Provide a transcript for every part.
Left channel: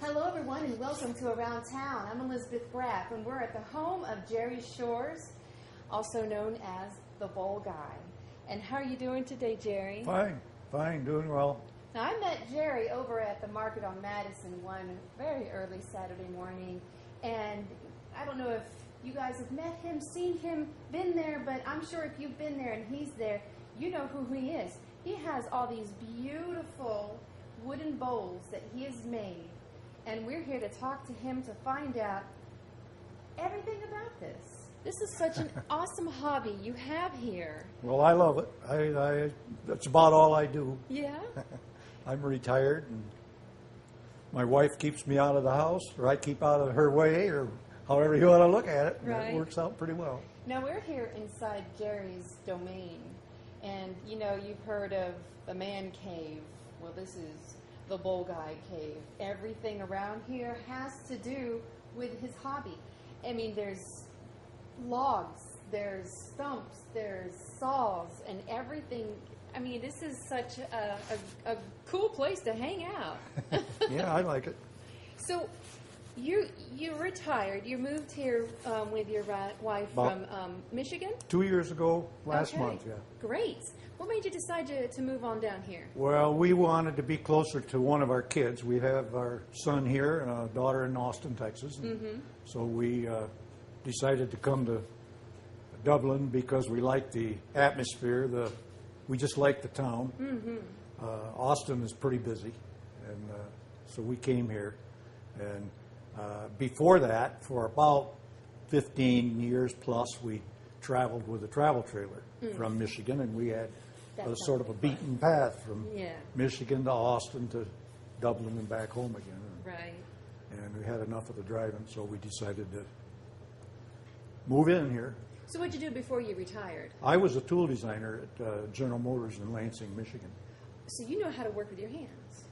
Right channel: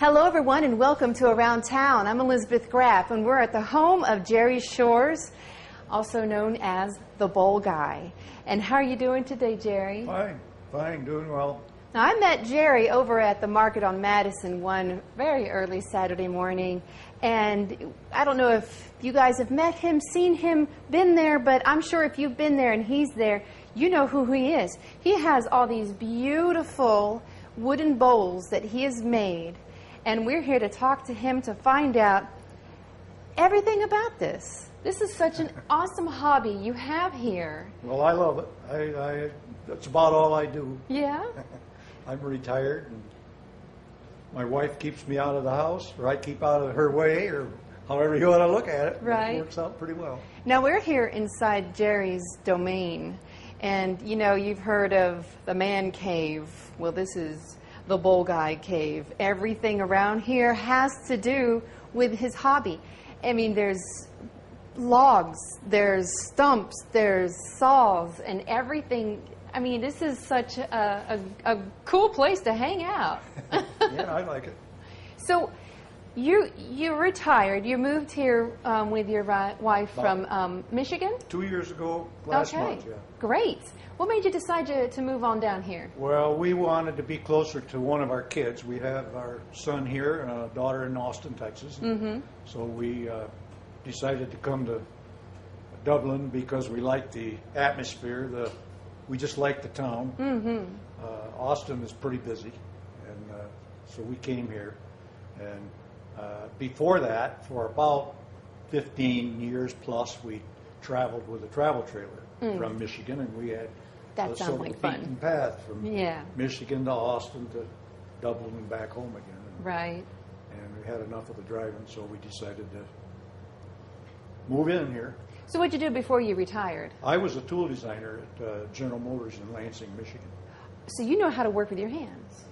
Hello, everyone, and welcome to Around Town. I'm Elizabeth Graff, and we're at the home of Jerry Shores, also known as the Bowl Guy. And how are you doing today, Jerry? Fine, doing well. Now, I met Jerry over at the market on Madison one very early Saturday morning, and I don't know if you guys have met him, seen him, been there, but I'm sure if you've been there and he's there, you know who he is. He has all these beautiful wooden bowls that he has made, and we're here to talk to him to find out everything about this. This is such an awesome hobby you have here. Well, I love it. That's about all I do. Yeah? I'm retired, and my wife keeps me out of the house, or I keep out of her way, or however you want to look at it. Right. It works out pretty well. Now, we're here inside Jerry's domain, and you know, you've heard of the man cave. Well, this is the Bowl Guy cave. Everything around here has to do with his hobby. I mean, there's logs, there's stumps, there's saws, and everything. I mean, this is such a cool place to hang out. Yeah, I like it. So, you retired. You moved here with your wife from Michigan? 2 years ago, last month, yeah. Great. What made you decide to move on down here? Well, we wanted to be closer to one of our kids. We have our son here and a daughter in Austin, Texas. Mm-hmm. So we decided to come to Dublin because we like the atmosphere. We just like the town. Mm-hmm. Austin is pretty busy, and so we came here. And before that, for about 15 years plus, we traveled with a travel trailer from Michigan, and we had that sort of like fun. beaten path from Michigan to Austin to Dublin and back home again. Right. And we had enough of the driving, so we decided to move in here. So what did you do before you retired? I was a tool designer at General Motors in Lansing, Michigan. So you know how to work with your hands?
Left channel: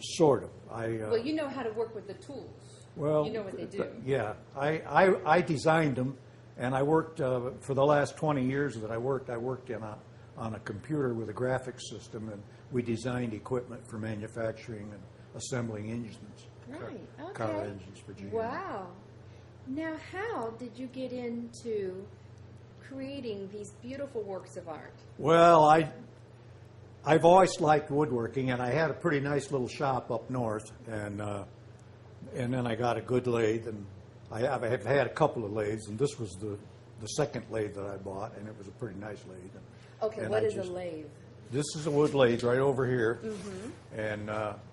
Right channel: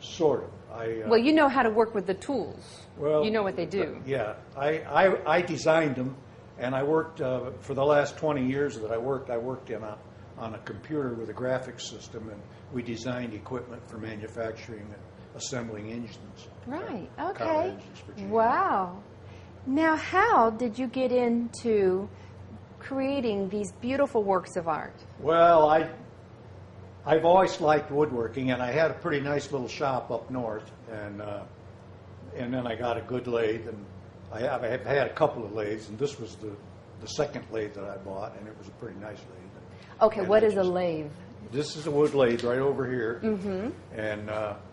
Sort of. Well, you know how to work with the tools. Well, you know what they do. Yeah. I designed them, and I worked, for the last 20 years that I worked on a computer with a graphics system, and we designed equipment for manufacturing and assembling engines. Right, Car okay. engines for GM. Wow. Now, how did you get into creating these beautiful works of art? Well, I've always liked woodworking, and I had a pretty nice little shop up north, and then I got a good lathe, and I have had a couple of lathes, and this was the second lathe that I bought, and it was a pretty nice lathe. Okay, and what is a lathe? This is a wood lathe right over here, and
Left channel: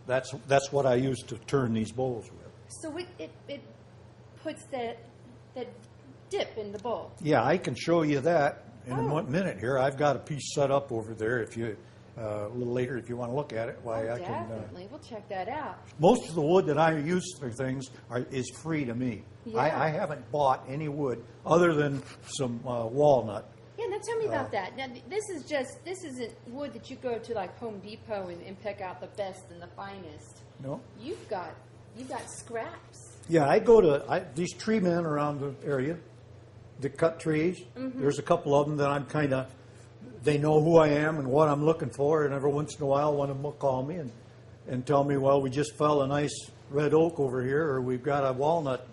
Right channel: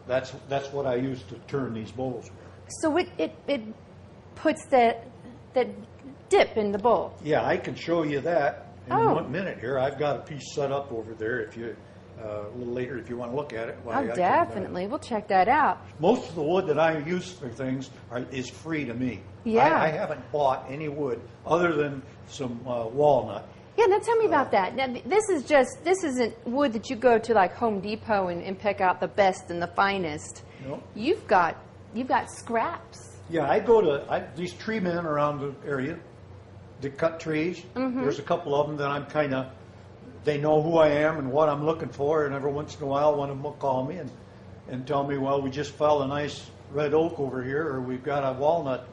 that's what I use to turn these bowls. So it puts that dip in the bowl. Yeah, I can show you that in 1 minute here. I've got a piece set up over there. If you a little later, if you want to look at it. Definitely. We'll check that out. Most of the wood that I use for things is free to me. Yeah. I haven't bought any wood other than some walnut. Yeah, now tell me about that. Now, this isn't wood that you go to like Home Depot and pick out the best and the finest. No. You've got scraps. Yeah, I go to these tree men around the area that cut trees. There's a couple of them that they know who I am and what I'm looking for, and every once in a while one of them will call me and tell me, well, we just fell a nice red oak over here, or we've got a walnut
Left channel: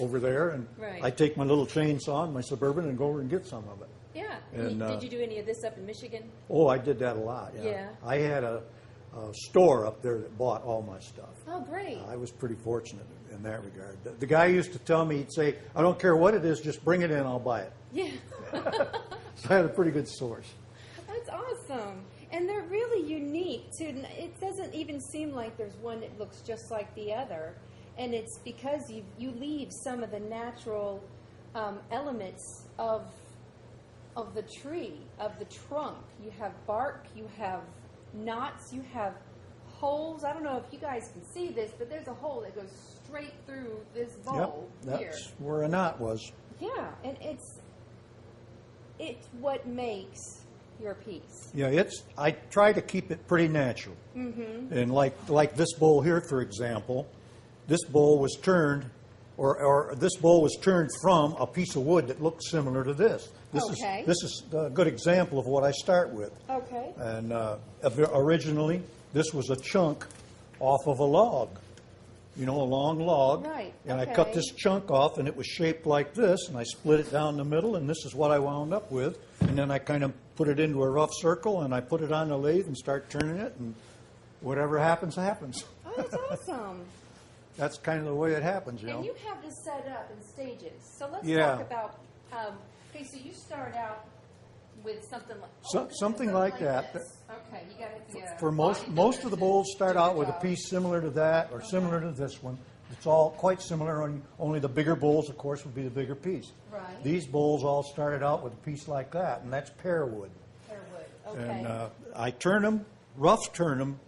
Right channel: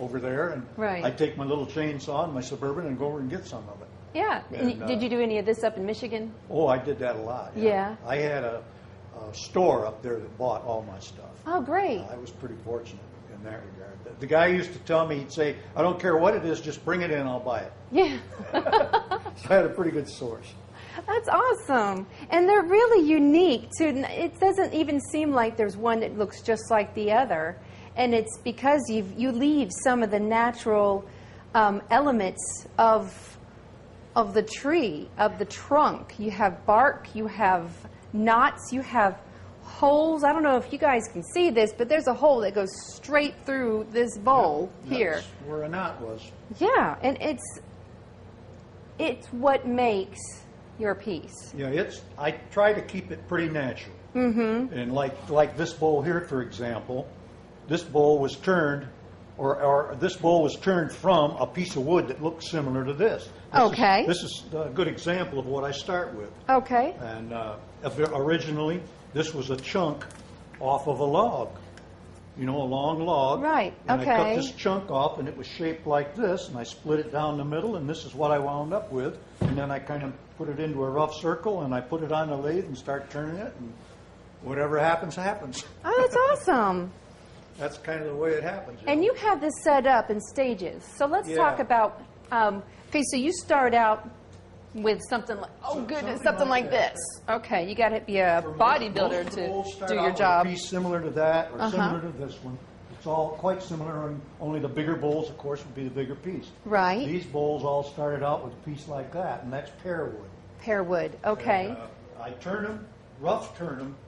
over there, and right. I take my little chainsaw and my Suburban and go over and get some of it. Yeah. And did you do any of this up in Michigan? Oh, I did that a lot. Yeah. I had a store up there that bought all my stuff. Oh, great. I was pretty fortunate in that regard. The guy used to tell me, he'd say, I don't care what it is, just bring it in, I'll buy it. Yeah. So I had a pretty good source. That's awesome. And they're really unique, too. It doesn't even seem like there's one that looks just like the other. And it's because you leave some of the natural elements of the tree, of the trunk. You have bark, you have knots, you have holes. I don't know if you guys can see this, but there's a hole that goes straight through this bowl here. That's where a knot was. Yeah, and it's what makes your piece. Yeah, I try to keep it pretty natural. Mm-hmm. And like this bowl here, for example, this bowl was turned, or this bowl was turned from a piece of wood that looked similar to this. This is a good example of what I start with. Okay. And originally, this was a chunk off of a log. you know, a long log. Right, And I cut okay. this chunk off, and it was shaped like this, and I split it down the middle, and this is what I wound up with. And then I kind of put it into a rough circle, and I put it on the lathe and start turning it, and whatever happens, happens. Oh, that's awesome. That's kind of the way it happens. And know. you have this set up in stages. So let's talk Yeah. about, okay, so you start out with something like, oh Some- goodness, something something like like that. this. Okay, you got to be a For most bodybuilder of the to bowls start do out your with job. a piece similar to that or similar to this one. It's all quite similar, and only the bigger bowls, of course, would be the bigger piece. Right. These bowls all started out with a piece like that, and that's pear wood. Pear wood, okay. And, I turn them, rough turn them,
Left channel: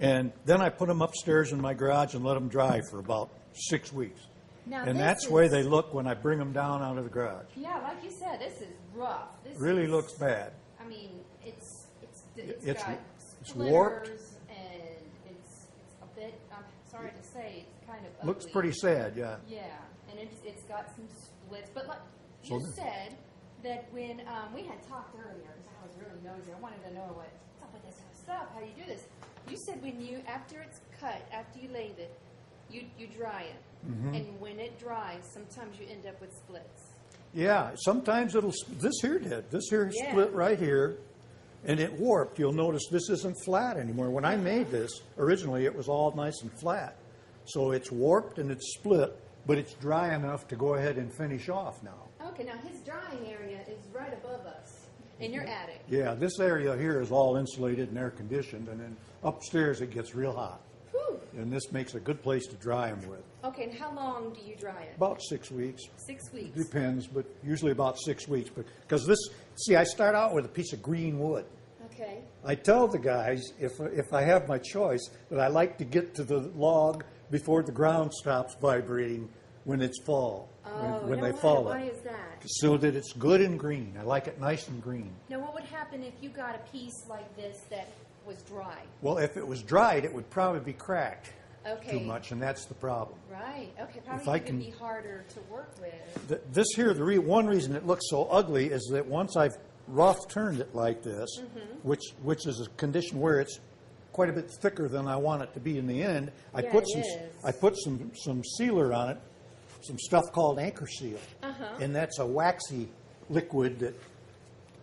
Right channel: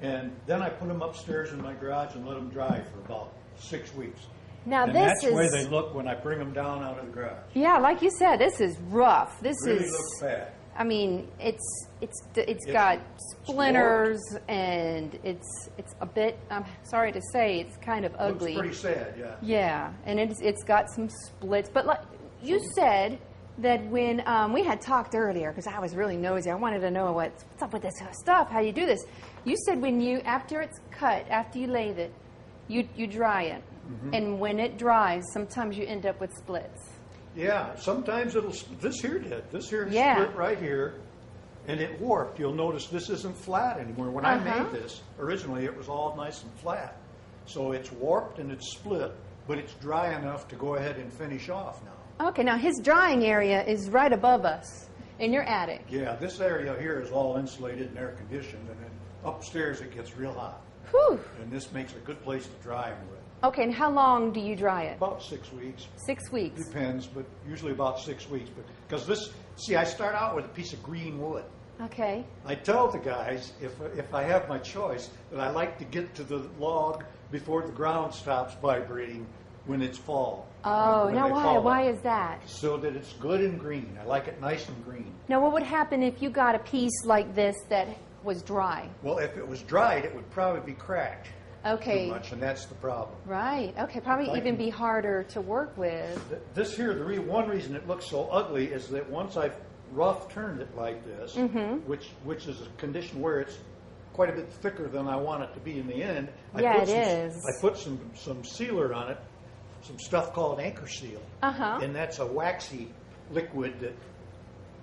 and then I put them upstairs in my garage and let them dry for about 6 weeks. Now And this that's is, the way they look when I bring them down out of the garage. yeah, like you said, this is rough. This Really is, looks bad. I mean, it's It's- got it's splinters and it's a bit, I'm sorry to say, it's kind of ugly. Looks pretty sad, yeah. Yeah, and it's got some splits. But like you said that when we had talked earlier, because I was really nosy, I wanted to know what's up with this stuff, how you do this. You said when you, after it's cut, after you lathe it, you dry it. And when it dries, sometimes you end up with splits. Yeah, sometimes it'll, this here did. This here Yeah. split right here, and it warped. You'll notice this isn't flat anymore. When I made this, originally it was all nice and flat. So it's warped and it's split, but it's dry enough to go ahead and finish off now. Okay, now his drying area is right above us in your attic. Yeah, this area here is all insulated and air conditioned, and then upstairs it gets real hot. Whew. And this makes a good place to dry them with. Okay, and how long do you dry it? About 6 weeks. 6 weeks. Depends, but usually about 6 weeks. Because this, see, I start out with a piece of green wood. Okay. I tell the guys, if I have my choice, that I like to get to the log before the ground stops vibrating when it's fall. Oh, when now they why? fall. Why is that? So that it's good and green. I like it nice and green. Now, what would happen if you got a piece like this that was dry? Well, if it was dried, it would probably be cracked Okay. too much, and that's the problem. Right. Okay. Probably If I even can- be harder to work with. This here, one reason it looks so ugly is that once I've rough turned it like this, which is a condition where it's quite a bit thicker than I want it to be in the end. Yeah, it is. I put some sealer on it, some stuff called anchor seal, and that's a waxy liquid that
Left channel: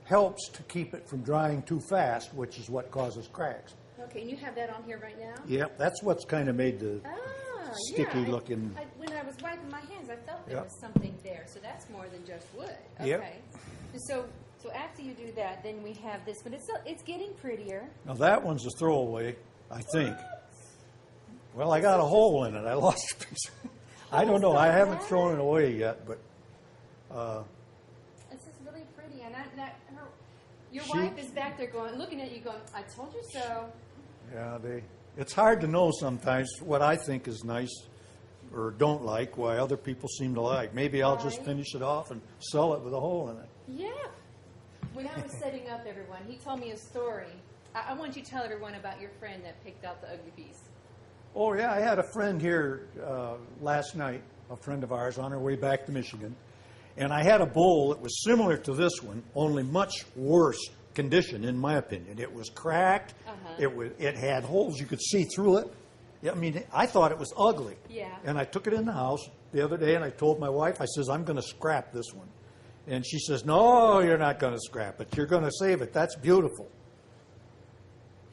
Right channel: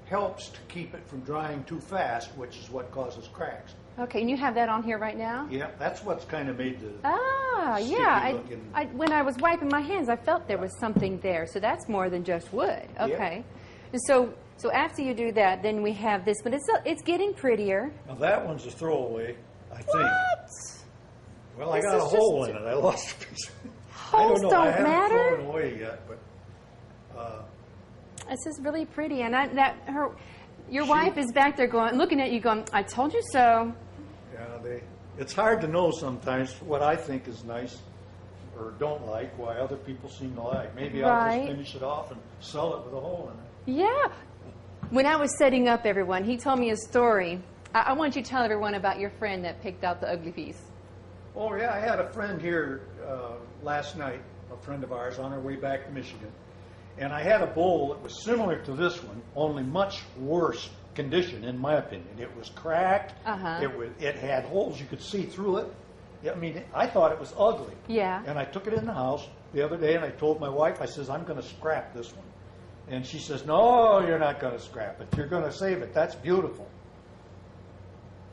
helps to keep it from drying too fast, which is what causes cracks. Okay. And you have that on here right now? Yep, that's what's kind of made the Ah, sticky yeah. looking. When I was wiping my hands, I felt there Yeah. was something there. So that's more than just wood. Yep. Okay. And so after you do that, then we have this, but it's getting prettier. Now that one's a throwaway, I think. What? Well, I This got a is hole just- in it. I lost a piece. I Holes don't know. I don't haven't matter? thrown it away yet, but This is really pretty, and your wife is back there going, looking at you, going, "I told you so." yeah, it's hard to know sometimes what I think is nice or don't like, why other people seem to like. Maybe I'll just Right. finish it off and sell it with a hole in it. Yeah. When I was setting up everyone, he told me a story. I want you to tell everyone about your friend that picked out the ugly piece. Oh, yeah, I had a friend here last night, a friend of ours, on our way back to Michigan. And I had a bowl that was similar to this one, only much worse condition, in my opinion. It was cracked. It had holes. You could see through it. I mean, I thought it was ugly. Yeah. And I took it in the house the other day, and I told my wife, I says, I'm going to scrap this one. And she says, no, you're not going to scrap it. You're going to save it. That's beautiful.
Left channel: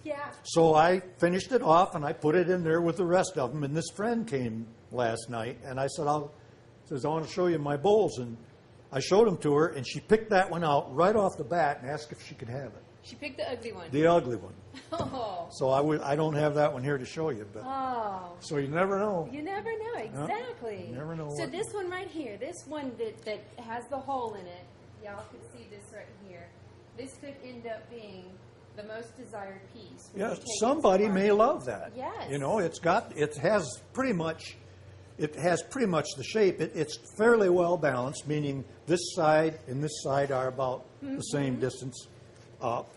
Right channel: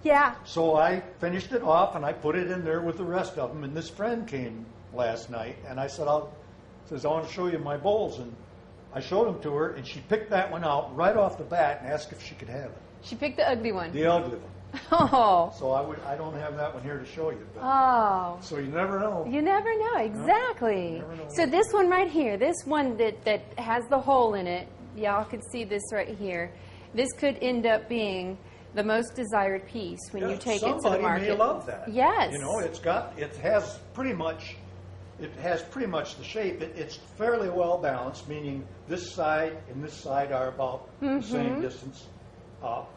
Yeah. So I finished it off, and I put it in there with the rest of them. And this friend came last night, and I said, I want to show you my bowls. And I showed them to her, and she picked that one out right off the bat and asked if she could have it. She picked the ugly one. The ugly one. Oh. So I don't have that one here to show you. But, Oh. so you never know. You never know, exactly. never know. So this one right here, this one that has the hole in it, y'all can see this right here. This could end up being the most desired piece when Yeah, you take it to the somebody market. may love that. Yes. You know, it has pretty much the shape. It's fairly well balanced, meaning this side and this side are about the same distance up.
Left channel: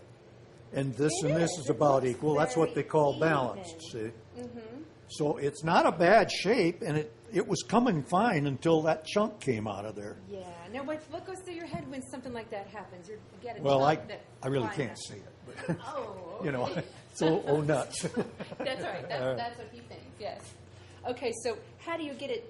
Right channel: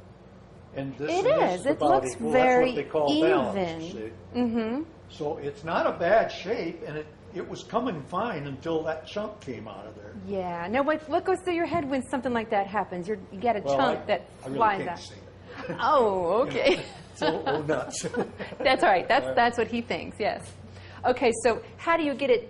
And this It and this is. is It about looks equal. That's very what they call even. balanced. See? So it's not a bad shape, and it was coming fine until that chunk came out of there. Yeah. Now, what goes through your head when something like that happens? You get a Well, chunk that I really flies can't out. see it. Oh, You okay. know, it's a little nuts. That's all right. That's what he thinks. Yes. Okay, so how do you get it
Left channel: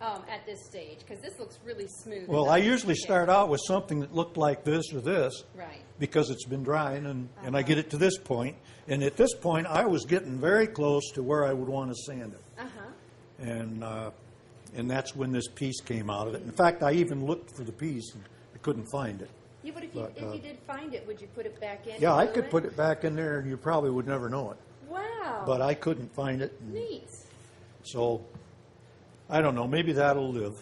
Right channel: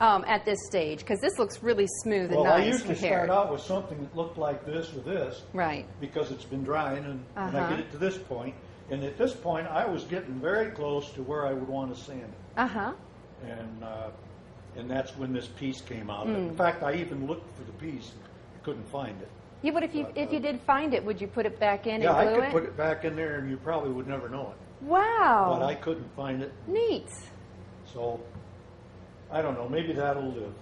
at this stage? Because this looks really smooth and Well, nice I usually compared. start out with something that looked like this or this. Right. Because it's been drying, and I Uh-huh. get it to this point. And at this point, I was getting very close to where I would want to sand it. Uh-huh. And that's when this piece came out. Hmm. In fact, I even looked for the piece. I couldn't find it. Yeah, but if you did find it, would you put it back in Yeah, I and glue could put it back in there, and you probably would never know it. Wow. But I couldn't find it. Neat. So, I don't know. Maybe that'll live.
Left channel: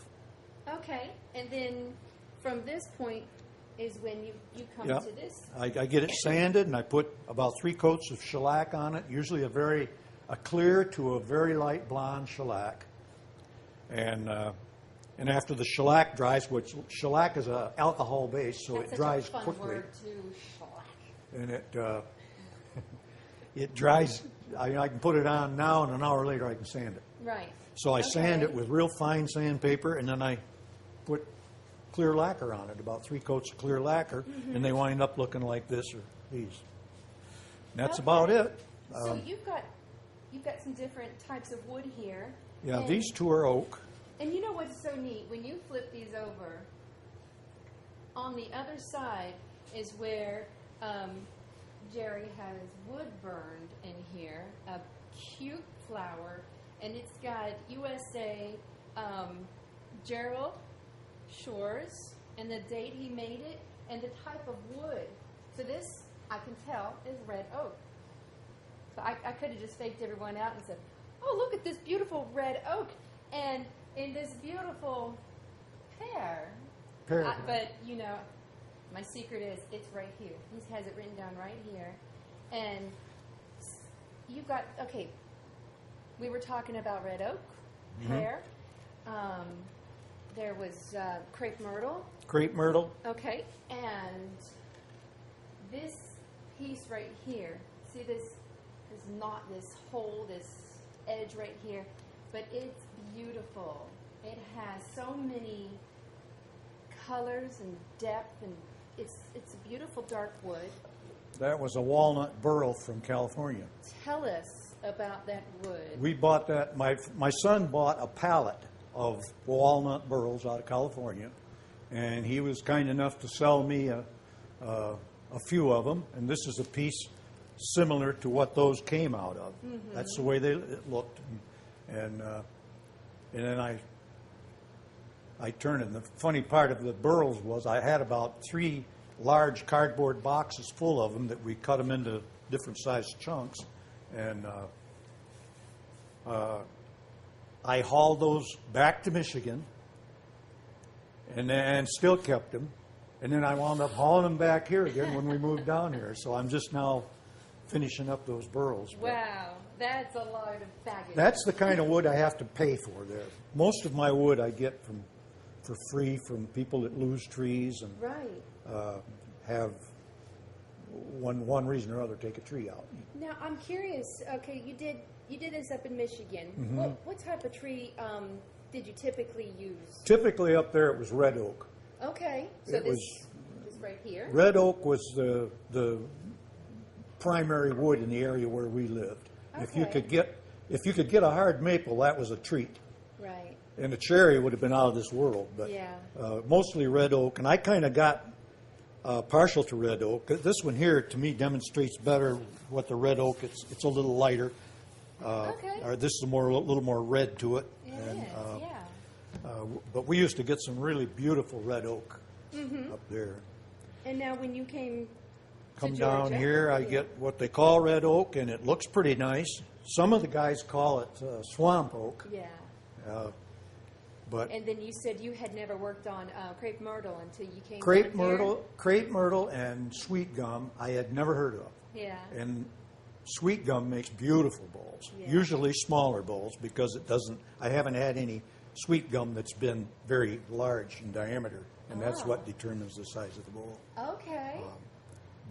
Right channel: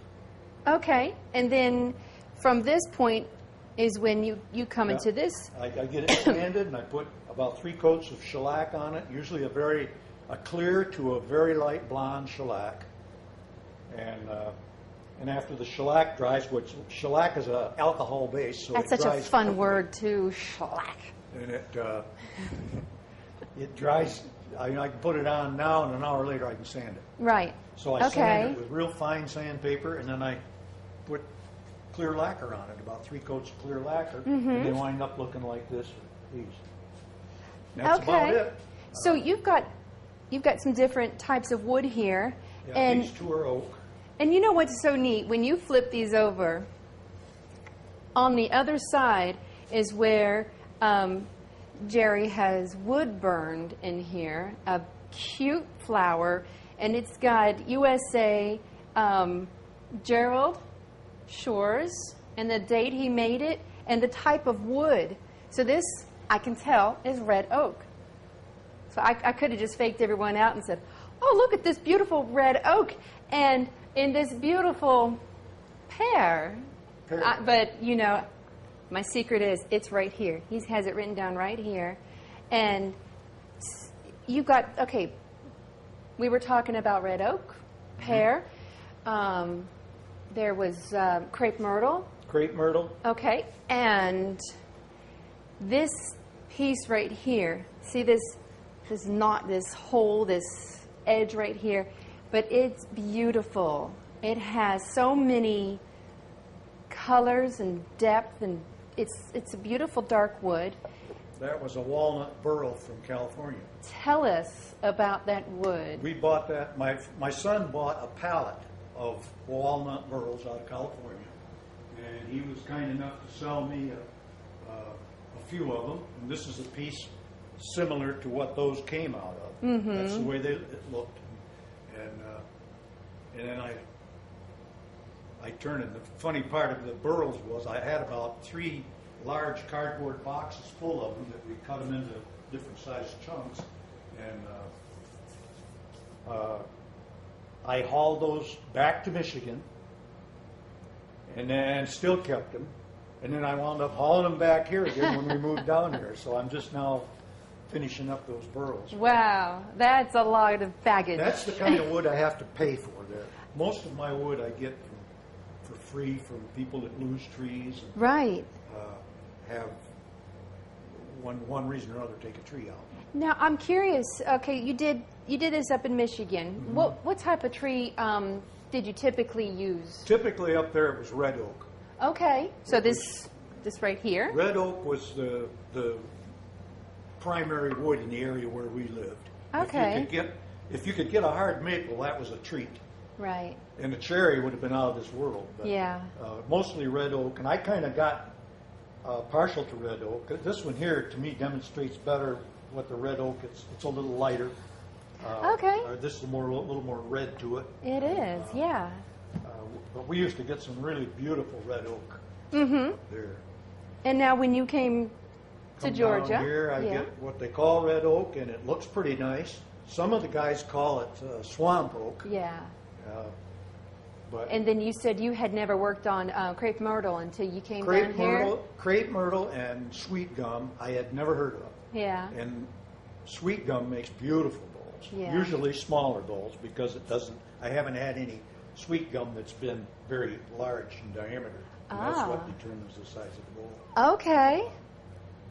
Okay, and then from this point is when you come Yeah. into this. I get it sanded, and I put about 3 coats of shellac on it, usually a clear to a very light blonde shellac. And after the shellac dries, which shellac is an alcohol base, so That's it such a dries fun quickly. word too, shellac. And it dries. I can put it on now, and an hour later I can sand it. Right. So I Okay. sand it with real fine sandpaper, and then I put clear lacquer on it, about 3 coats of clear lacquer, and they wind up looking like this or these. And that's about it. So you've got some different types of wood here. Yeah, and, these 2 are oak. And you know what's so neat? When you flip these over, on the other side is where Jerry has wood burned in here, a cute flower, and it's got USA Gerald Shores and the date he made it and the type of wood. So this, I can tell, is red oak. So I could have just faked everyone out and said, oh, look at this beautiful red oak and in this beautiful pear. Pear. But, you know, my secret is it's right here. He has it written down right here. And you got, okay, we were talking about red oak, pear. There was crepe myrtle. Crepe myrtle. Okay, and this piece right here, see this knot, this hole, this edge right here, but it's beautiful. It has so many colors and depth, and it's a beautiful dark wood. That was a walnut burl from California. Tell us about that wood. We bought that. My son bought a pallet of walnut burls out of California, and he was kind enough to sell me a few of them. And this is a piece similar to what those came out of. Mm-hmm. That's the way it looked. And then I turned it. And the funny part of the burls was I had about 3 large cardboard boxes full of them that we cut them into different sized chunks. And I hauled those back to Michigan and then still kept them. And then I wound up hauling them back here again when we moved down here. So I'm just now finishing up those burls. Wow, that's a lot of baggage. That's the kind of wood I have to pay for there. Most of my wood I get for free from people that lose trees and right. have one reason or another take a tree out. Now I'm curious. Okay, you did this up in Michigan. Mm-hmm. What type of tree did you typically use? Typically up there it was red oak. Okay, so this right here. Red oak was the primary wood in the area where we lived. Okay. If you could get a hard maple, that was a treat. Right. And the cherry would have been out of this world. But, Yeah. mostly red oak, and I kind of got partial to red oak. This one here, to me, demonstrates better what the red oak. It's a little lighter. Okay. Or this is a little more red to it. It is, yeah. But we used to get some really beautiful red oak up there. And now when you came to Come Georgia, down here, I get what they call red oak, and it looks pretty nice. Some of the guys call it swamp oak. Yeah. But And then you said you had never worked on crepe myrtle until you came down here. crepe myrtle and sweet gum I had never heard of. Yeah. And sweet gum makes beautiful bowls. Yeah. Usually smaller bowls because it doesn't. I haven't had any sweet gum that's been very large in diameter, and that's what determines the size of the bowl. Okay.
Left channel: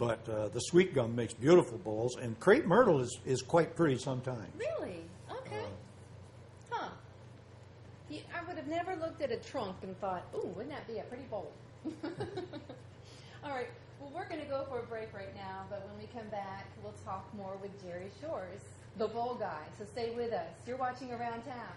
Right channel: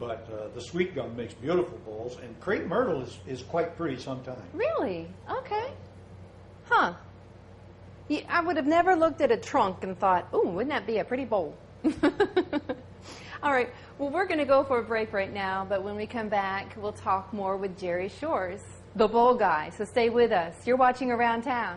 But the sweet gum makes beautiful bowls, and crepe myrtle is quite pretty sometimes. Really? Okay. Huh. Yeah, I would have never looked at a trunk and thought, ooh, wouldn't that be a pretty bowl? All right. Well, we're going to go for a break right now, but when we come back, we'll talk more with Jerry Shores. the bowl guy. So stay with us. You're watching Around Town.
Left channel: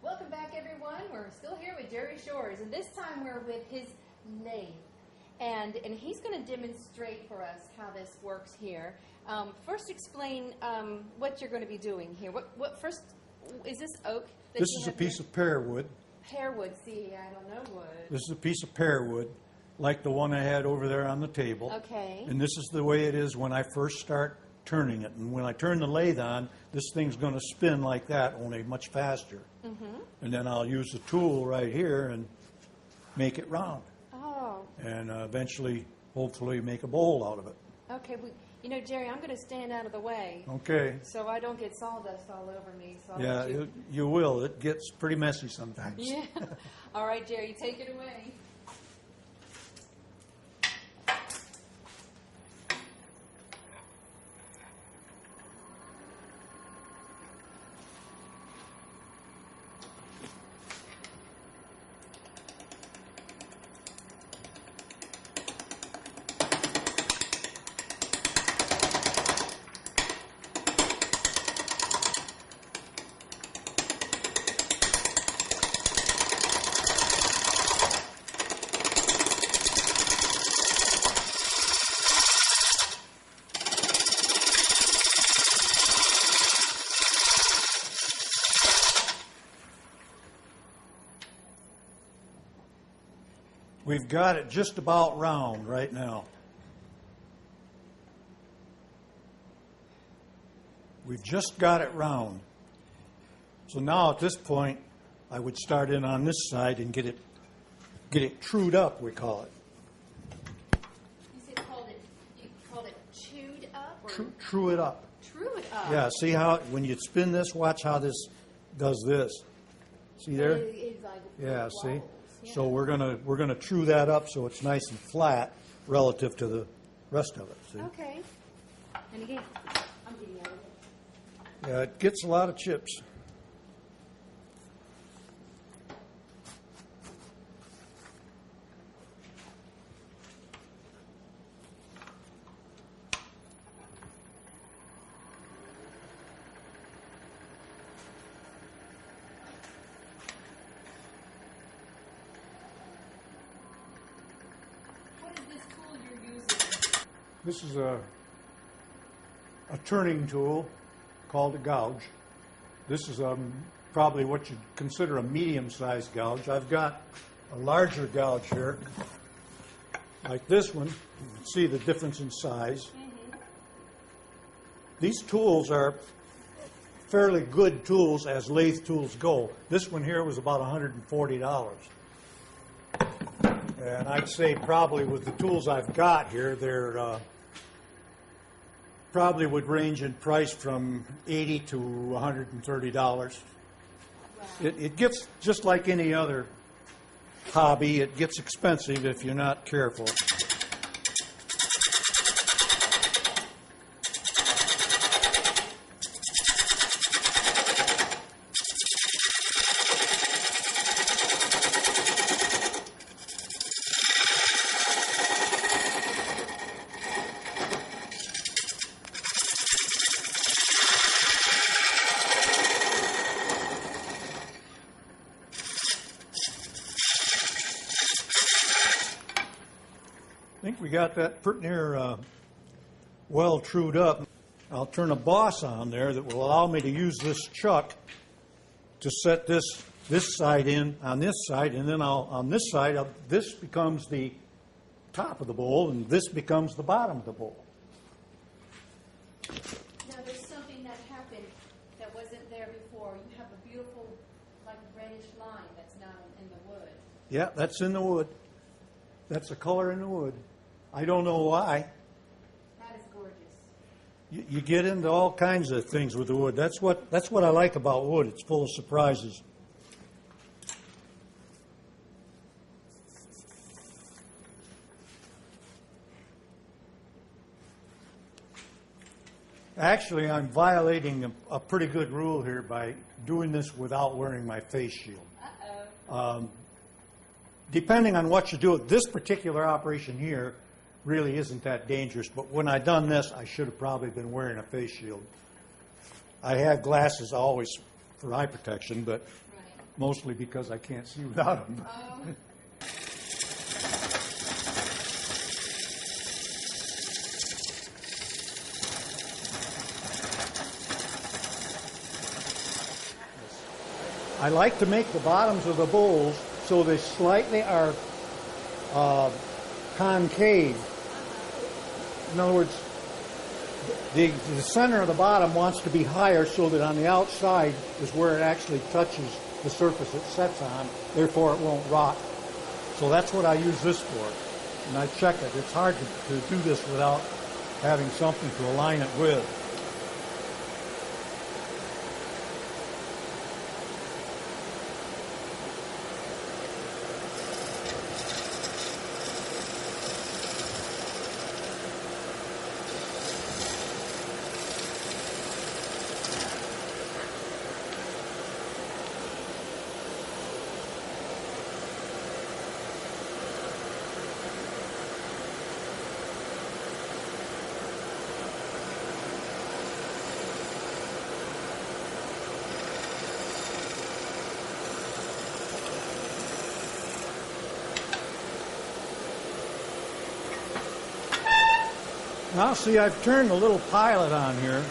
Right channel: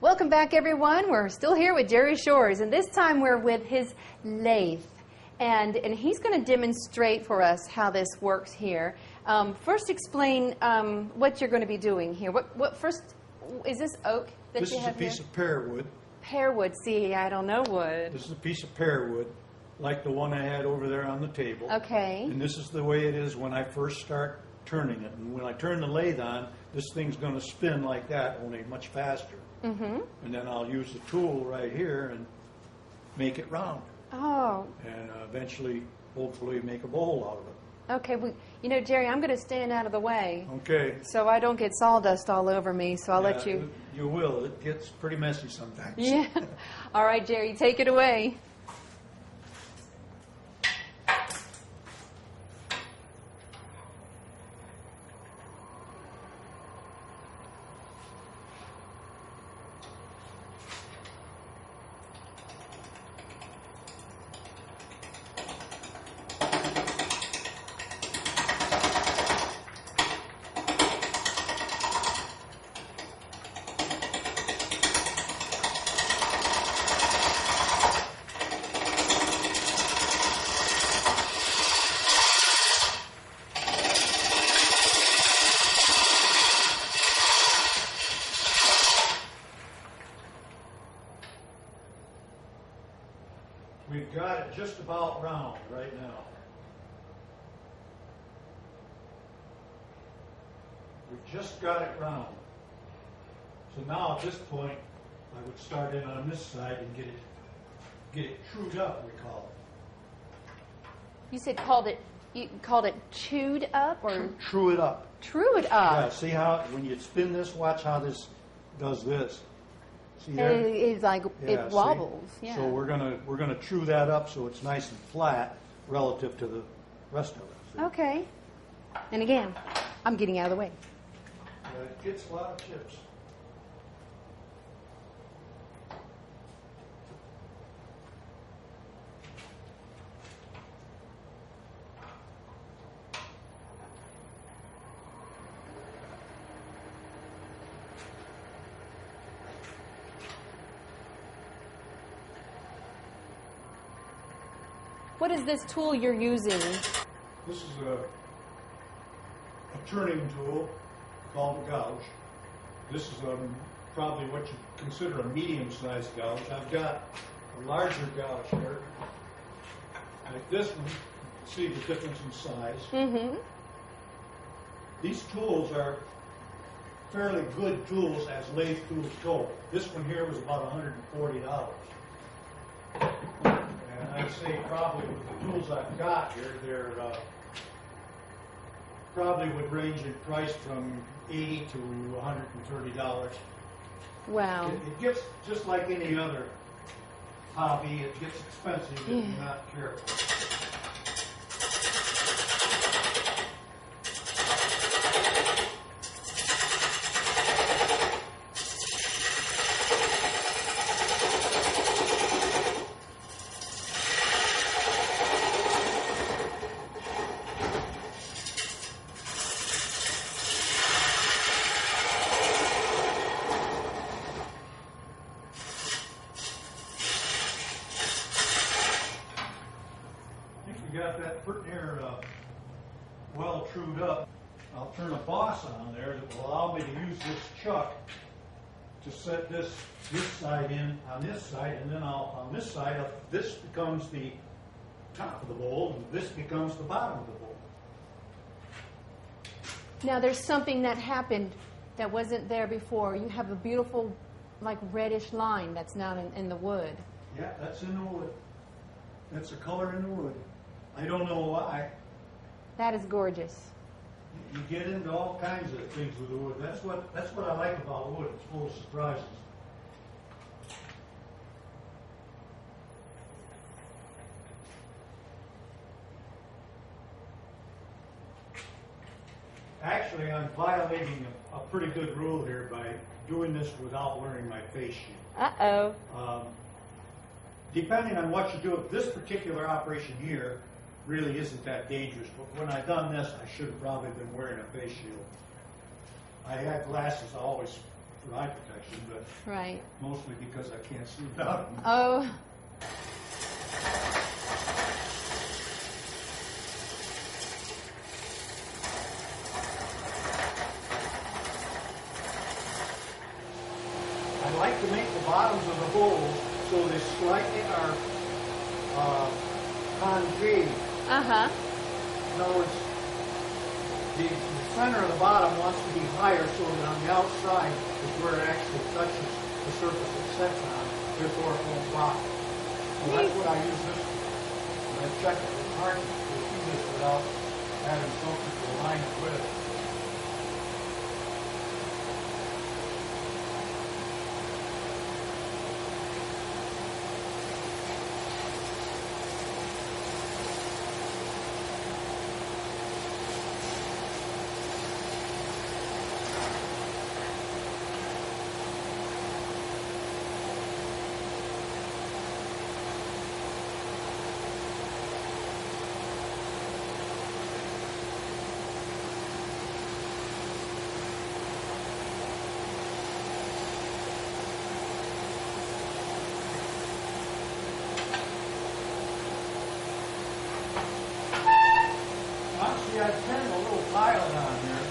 Welcome back, everyone. We're still here with Jerry Shores, and this time we're with his lathe. And he's going to demonstrate for us how this works here. First, explain what you're going to be doing here. What first, is this oak that This you is have a piece here? of pear wood. Pear wood. See, I don't know wood. This is a piece of pear wood, like the one I had over there on the table. Okay. And this is the way it is when I first start turning it. And when I turn the lathe on, this thing's going to spin like that, only much faster. Mm-hmm. And then I'll use the tool right here and make it round. Oh. And eventually, hopefully, make a bowl out of it. Okay. Well, you know, Jerry, I'm going to stand out of the way Okay. so I don't get sawdust all over me. So I'll let you. You will. It gets pretty messy sometimes. Yeah. All right, Jerry, take it away. We've got it just about round right now. We've just got it round. So now at this point, I would start in on this side and get it trued up, we call it. You said you called it chewed up or True it up. true it up. Yeah, see how, when you spin this, watch how this does this. See there? And it's like Yeah, it see? wobbles. Yeah. So we're gonna true that up so it's nice and flat relative to the rest of it. See? Okay. And again, I'm getting out of the way. Yeah, it gets a lot of chips. What is this tool you're using? This is a turning tool called a gouge. This is probably what you consider a medium-sized gouge. I've got a larger gouge here, like this one. You can see the difference in size. Mm-hmm. These tools are fairly good tools as lathe tools go. This one here was about $140. And I'd say probably with the tools I've got here, they're probably would range in price from $80 to $130. Wow. It gets, just like any other hobby, it gets expensive if you're not careful. I think we got that pretty near well trued up. I'll turn a boss on there that will allow me to use this chuck to set this side in on this side, and then on this side, this becomes the top of the bowl, and this becomes the bottom of the bowl. Now there's something that happened that wasn't there before. You have a beautiful, like reddish line that's now in the wood. Yeah, that's in the wood. That's the color in the wood. I don't know why. That is gorgeous. You get into all kinds of things with the wood. That's what I like about wood. It's full of surprises. Actually, I'm violating a pretty good rule here by doing this without wearing my face shield. Uh-oh. Depending on what you do, this particular operation here really isn't that dangerous, but when I done this, I should have probably been wearing a face shield. I had glasses always for eye protection, but Right. mostly because I can't see without them. Oh. I like to make the bottoms of the bowls so they slightly are concave. Uh-huh. In other words, the center of the bottom wants to be higher so that on the outside is where it actually touches the surface it sets on, therefore it won't rot. So that's what I use this for. And I check it. It's hard to do this without having something to align it with. Now see, I've turned a little pilot on here.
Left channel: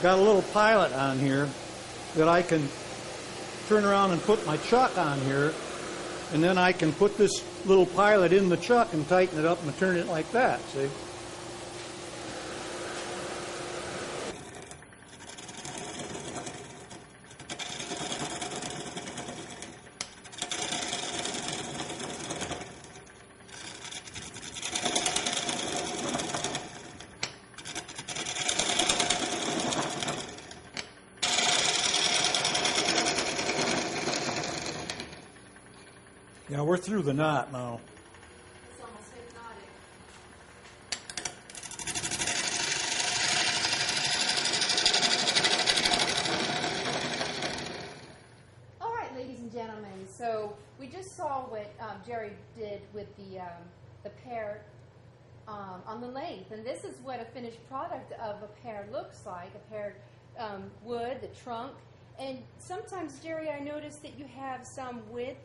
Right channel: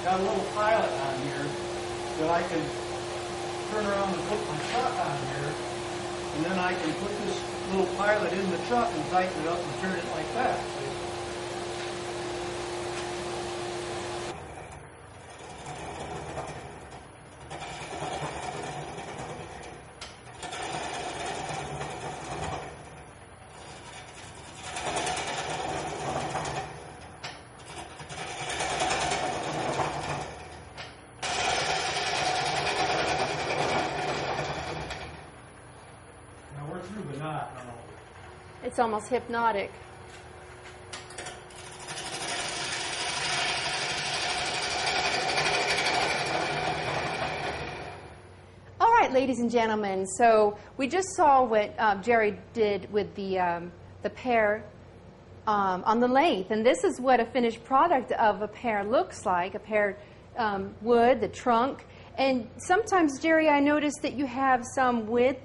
Got a little pilot on here that I can turn around and put my chuck on here, and then I can put this little pilot in the chuck and tighten it up and turn it like that, see? Yeah, we're through the knot now. It's almost hypnotic. All right, ladies and gentlemen, so we just saw what Jerry did with the pear on the length, and this is what a finished product of a pear looks like, a pear wood, the trunk, and sometimes, Jerry, I noticed that you have some with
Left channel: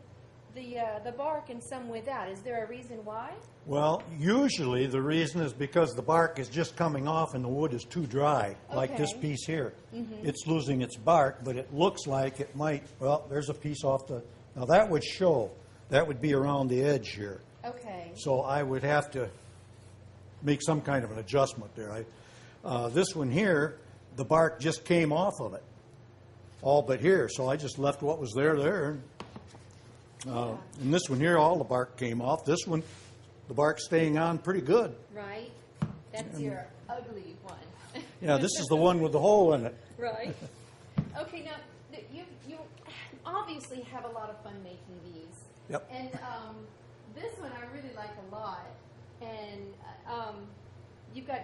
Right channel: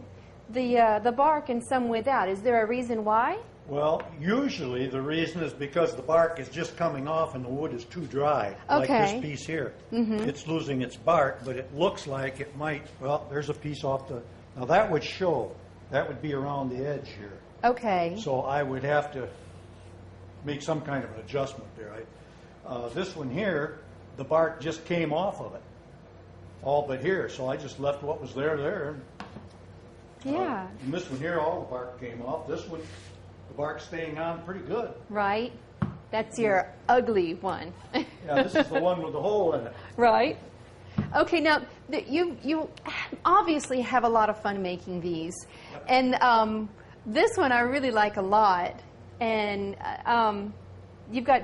the bark and some without. Is there a reason why? Well, usually the reason is because the bark is just coming off and the wood is too dry, like this piece here. It's losing its bark, but it looks like it might, well, there's a piece off the, now that would show, that would be around the edge here. Okay. So I would have to make some kind of an adjustment there. This one here, the bark just came off of it, all but here, so I just left what was there. Yeah. And this one here, all the bark came off. This one, the bark's staying on pretty good. Right. That's your ugly one. Yeah, this is the one with the hole in it. Right. Okay, now you obviously have a lot of fun making these. Yep. And this one I really like a lot. And you've got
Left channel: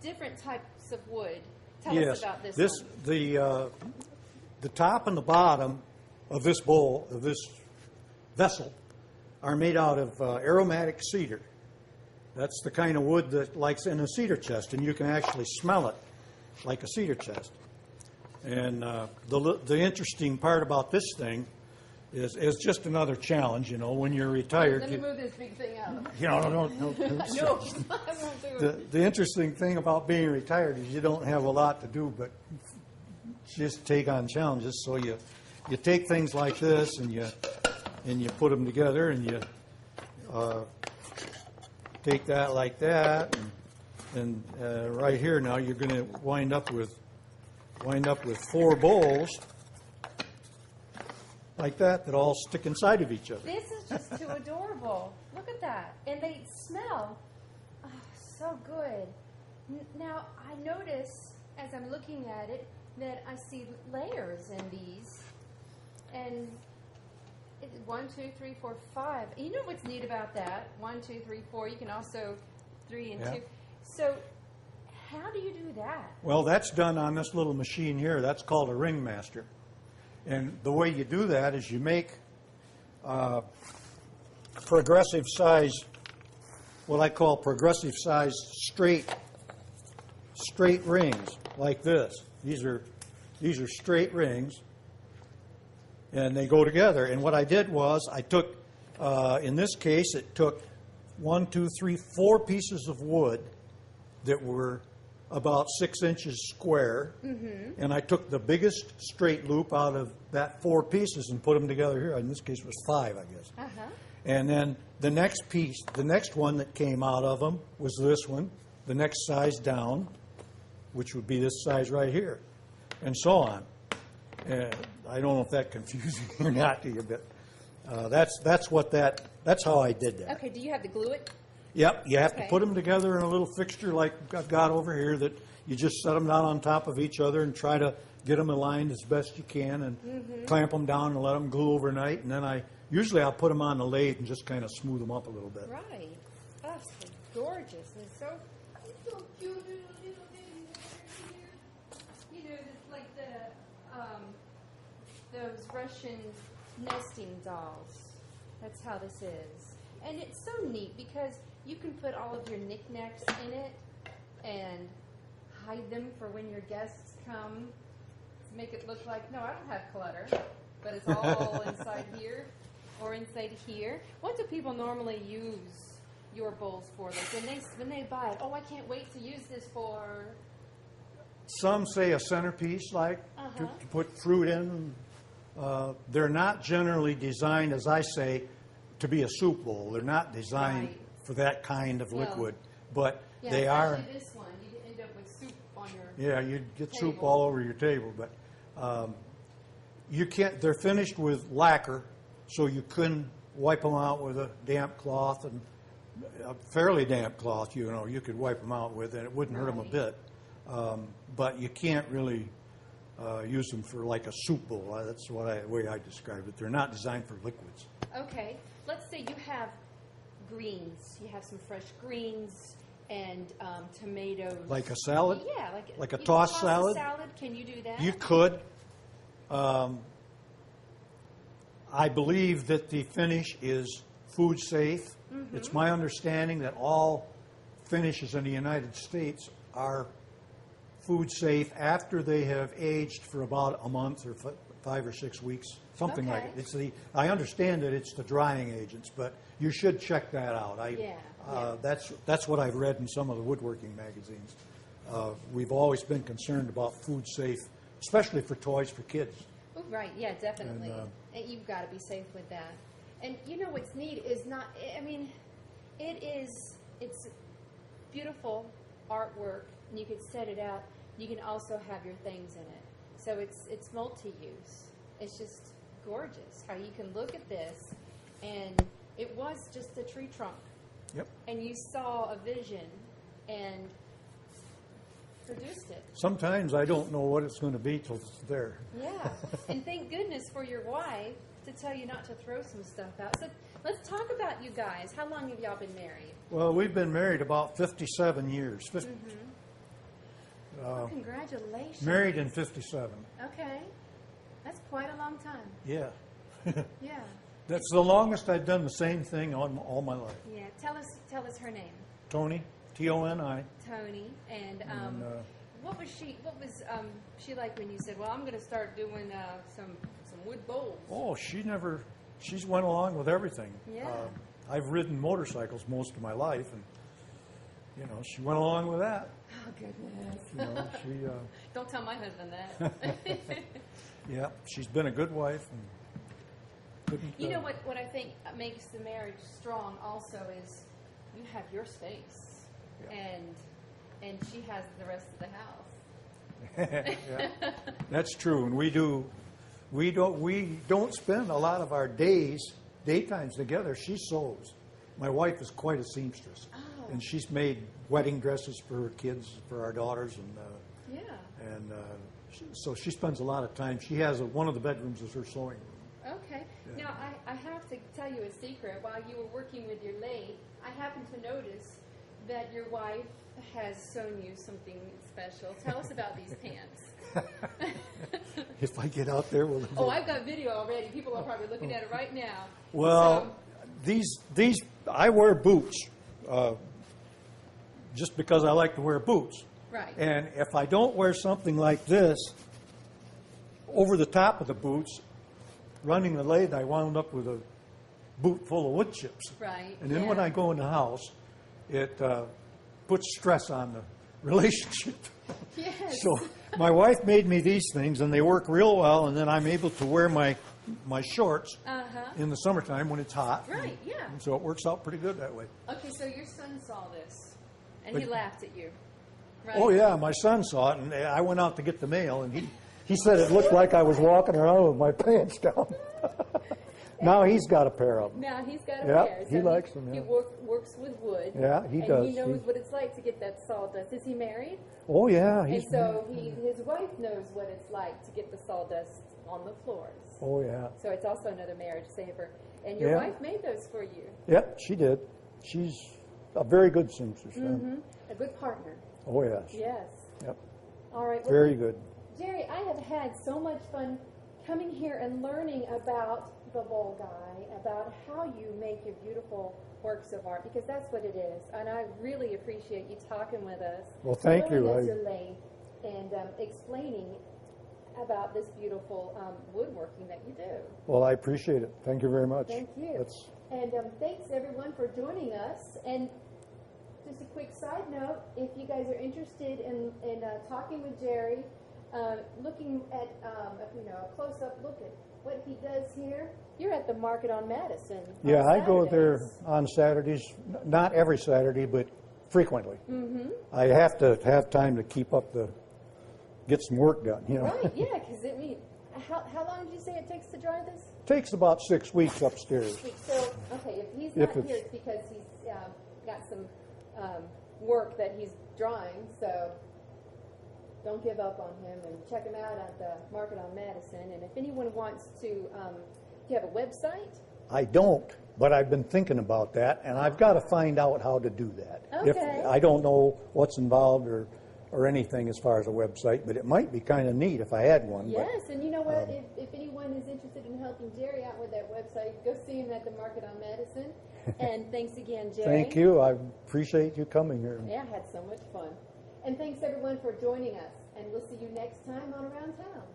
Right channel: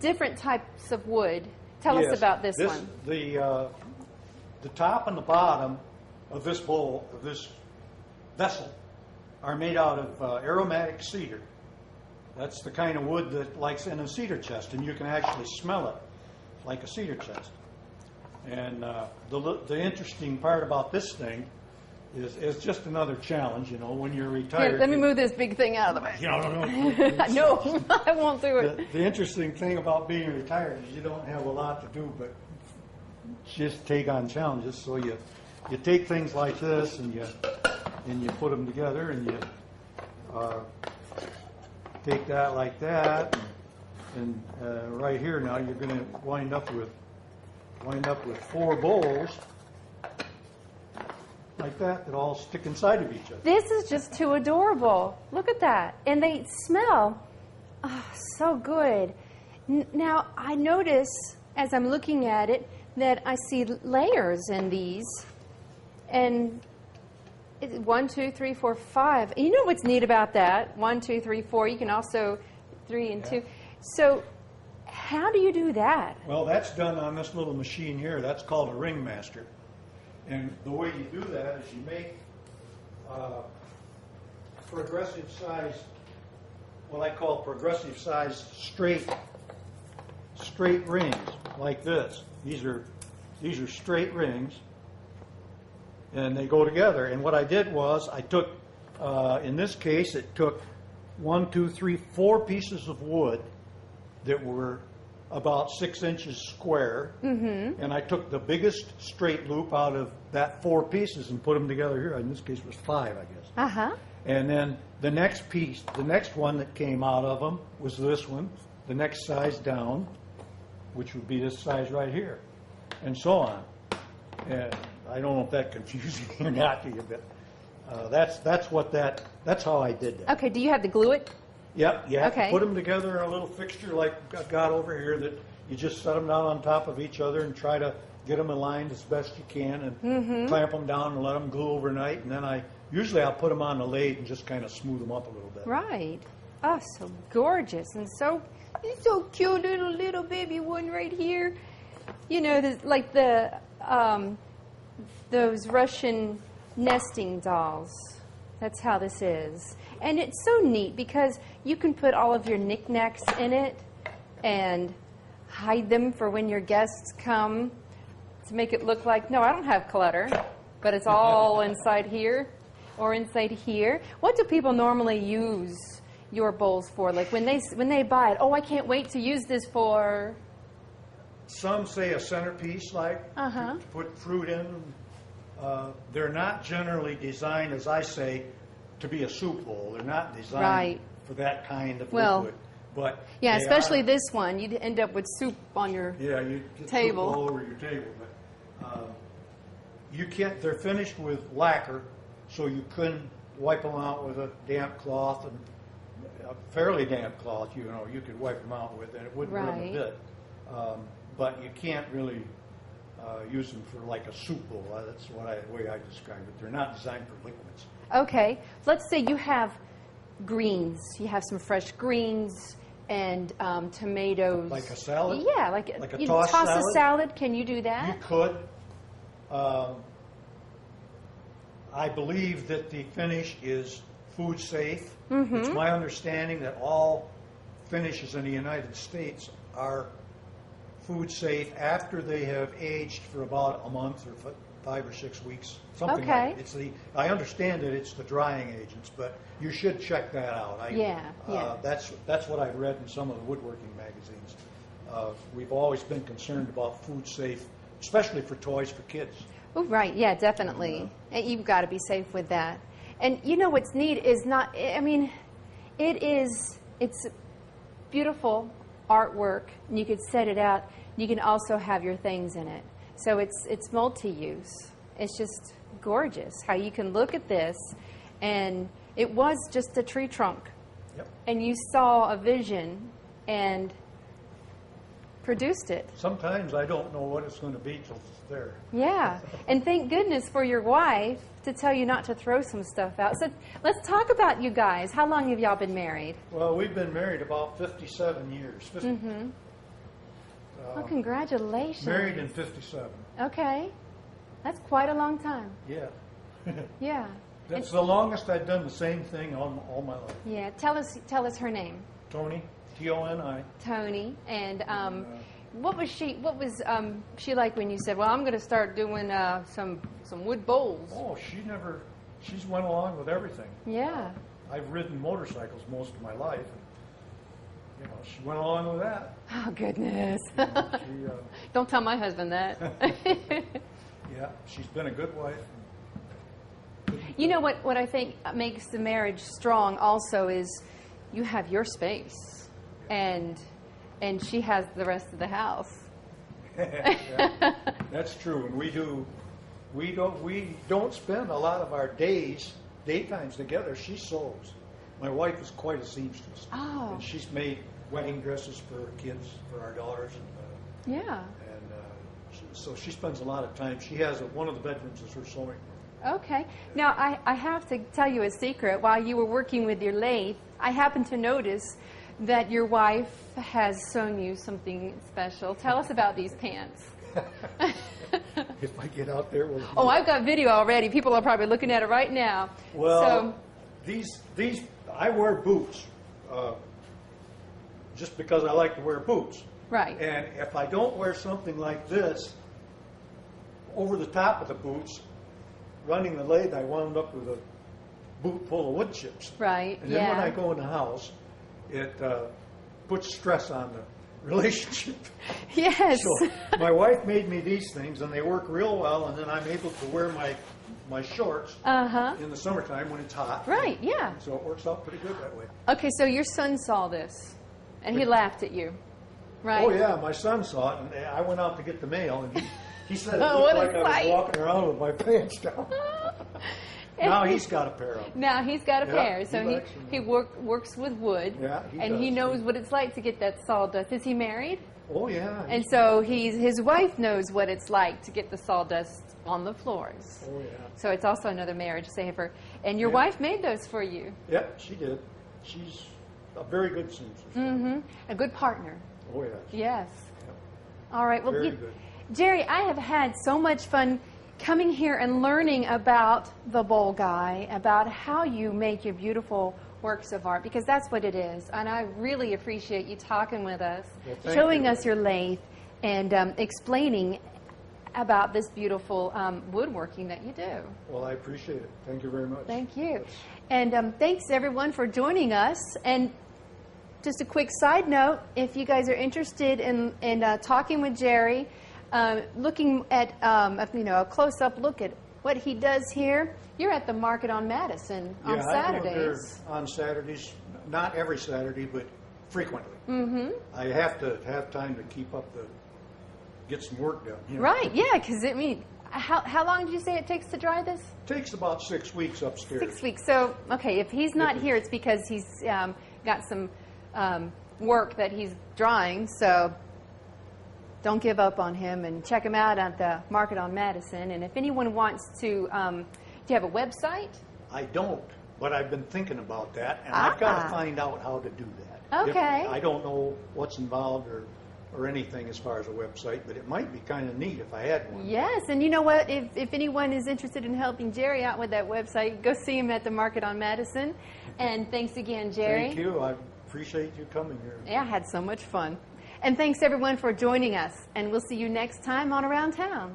different types of wood. Tell us about this one. The top and the bottom of this bowl, of this vessel, are made out of aromatic cedar. That's the kind of wood that likes in a cedar chest, and you can actually smell it like a cedar chest. And the interesting part about this thing is just another challenge, you know, when you're retired. Here, let me move this big thing out of the way. You know, No, I won't do it. The interesting thing about being retired is you don't have a lot to do but just take on challenges. So you take things like this and you put them together, and you take that like that, and right here now you're going to wind up with 4 bowls like that all stick inside of each other. This is just too adorable. Look at that. And they smell So good. Now, I notice as I'm looking at it that I see layers in these. And 1, 2, 3, 4, 5. You know what's neat about that? 1, 2, 3, 4. You can also 3 and 2. So how do you do that? Well, that's done on this little machine here. That's called a ringmaster. And the way you do that is you make progressive size, what I call progressive size straight rings like this. These are straight rings, and they go together. And what I did was I took, in this case, it took 1, 2, 3, 4 pieces of wood that were about 6 inches square, and I took the biggest straight loop out of that 4 pieces and put them together here. In this case, it was 5, I guess. Uh-huh. And then the next piece, the next one that came out of them was this one, the next size down, which would be this size right here, and so on. And I don't know if that confused you or not to you, but that's how I did it. Okay, do you have to glue it? Yep, you have Okay. to put them together in a little fixture like I've got over here that you just set them down on top of each other and try to get them aligned as best you can and clamp them down and let them glue overnight. And then I'll put them on the lathe and just kind of smooth them up a little bit. Right. Oh, so gorgeous and so cute, little baby one right here. You know, like those Russian nesting dolls. That's how this is. And it's so neat because you can put all of your knickknacks in it and hide them for when your guests come to make it look like, no, I don't have clutter, but it's all inside here or inside here. What do people normally use your bowls for? Like when they buy it, oh, I can't wait to use this for... Some say a centerpiece, like to put fruit in. They're not generally designed, as I say, to be a soup bowl. They're not designed for that kind of liquid. But yeah, especially this one. You'd end up with soup on your you'd get table. Soup all over your table. But you can't. They're finished with lacquer, so you couldn't wipe them out with a damp cloth, and a fairly damp cloth. You could wipe them out with, and it wouldn't hurt them a bit. But you can't really use them for like a soup bowl. That's the way I describe it. They're not designed for liquids. Okay, let's say you have greens. You have some fresh greens and tomatoes. Like a salad? Yeah, like a tossed salad? A salad. Can you do that? You could. I believe that the finish is food safe. It's my understanding that all finishes in the United States are food safe after they have aged for about a month or 5 or 6 weeks, something like that. I understand that it's the drying agents, but you should check that out. That's what I've read in some of the woodworking magazines. We've always been concerned about food safe, especially for toys for kids. Oh, right. Yeah, definitely. And you've got to be safe with that. And you know what's neat is it's beautiful artwork, and you could set it out. You can also have your things in it. So it's multi-use. It's just gorgeous how you can look at this, and it was just a tree trunk. Yep. And you saw a vision and produced it. Sometimes I don't know what it's going to be till it's there. Yeah. And thank goodness for your wife to tell you not to throw some stuff out. So let's talk about you guys. How long have y'all been married? Well, we've been married about 57 years. Well, congratulations. Married in 57. Okay. That's quite a long time. Yeah. Yeah. That's the longest I've done the same thing all my life. Yeah. Tell us her name. Toni, T-O-N-I. Toni. And what was she like when you said, well, I'm going to start doing some wood bowls? Oh, she's went along with everything. Yeah. I've ridden motorcycles most of my life, and she went along with that. Oh, goodness. Don't tell my husband that. Yeah, she's been a good wife. You know what I think makes the marriage strong also is you have your space, and she has the rest of the house. Yeah, that's true, and we don't spend a lot of our daytimes together. She sews, My wife is quite a seamstress. Oh. And she's made wedding dresses for her kids, for our daughters, and Yeah. so she spends a lot of time. She has one of the bedrooms is her sewing. Okay. Now, I have to tell you a secret. While you were working with your lathe, I happened to notice that your wife has sewn you something special. Tell us about these pants. If I get out there, we'll Oh, I've got video already. People are probably looking at it right now. Well, these I wear boots just because I like to wear boots. Right. And if I don't wear something like this over the top of the boots, running the lathe, I wound up with a boot full of wood chips. Right. And then when I go in the house, it puts stress on the relationship. Yes. So my wife made me these things, and they work real well, and then I'm able to wear my shorts in the summertime when it's hot. Right, yeah. So it works out pretty good that way. Okay, so your son saw this, and he laughed at you, right? Oh, yeah, my son saw it, and I went out to get the mail, and he said it looked what a like I was sight. walking around with my pants down. Now he's got a pair of them. Now he's got a Yeah, pair, he so likes them, he yeah. works with wood, Yeah, he and does. he knows what it's like to get that sawdust. Is he married? Oh, yeah. And so his wife knows what it's like to get the sawdust on the floors. Oh, yeah. So it's also another marriage saver. And your Yeah. wife made those for you. Yeah, she did. She's a very good seamstress. A good partner. Oh, yes. Yes. Yep. All right. Well, Very good. Jerry, I have had so much fun coming here and learning about the Bowl Guy, about how you make your beautiful works of art, because that's what it is. And I really appreciate you talking with us, Well, thank showing you. us your lathe, and explaining about this beautiful woodworking that you do. Well, I appreciate it. Thank you very much. Thank you. That's- And thanks everyone for joining us. And just a quick side note, if you guys are interested in talking with Jerry, looking at a close-up look at what he does here, you're at the Market on Madison on Yeah, I go Saturdays. there on Saturdays, not every Saturday, but frequently. Mm-hmm. I have to have time to get some work done. You know? Right, yeah, because how long did you say it takes to dry this? Takes about 6 weeks upstairs. 6 weeks. So, okay, if he's not it's- here, it's because he's got some work that he's drawing. So don't give up on him, and check him out at the Market on Madison. And if anyone wants to, do you have a website? I don't, but I've been thinking about that, and I've got to find out how to do that. Okay. I don't know what's involved or anything as far as a website, but it might be kind of neat if I had one. Yes, and you know what? If anyone is interested in helping Jerry out with that website, go see him at the Market on Madison. And thanks again, Jerry. Thank you. I appreciate you coming here. Yeah, I had so much fun. And thanks everyone for joining us. And we'll see you next time on Around Town.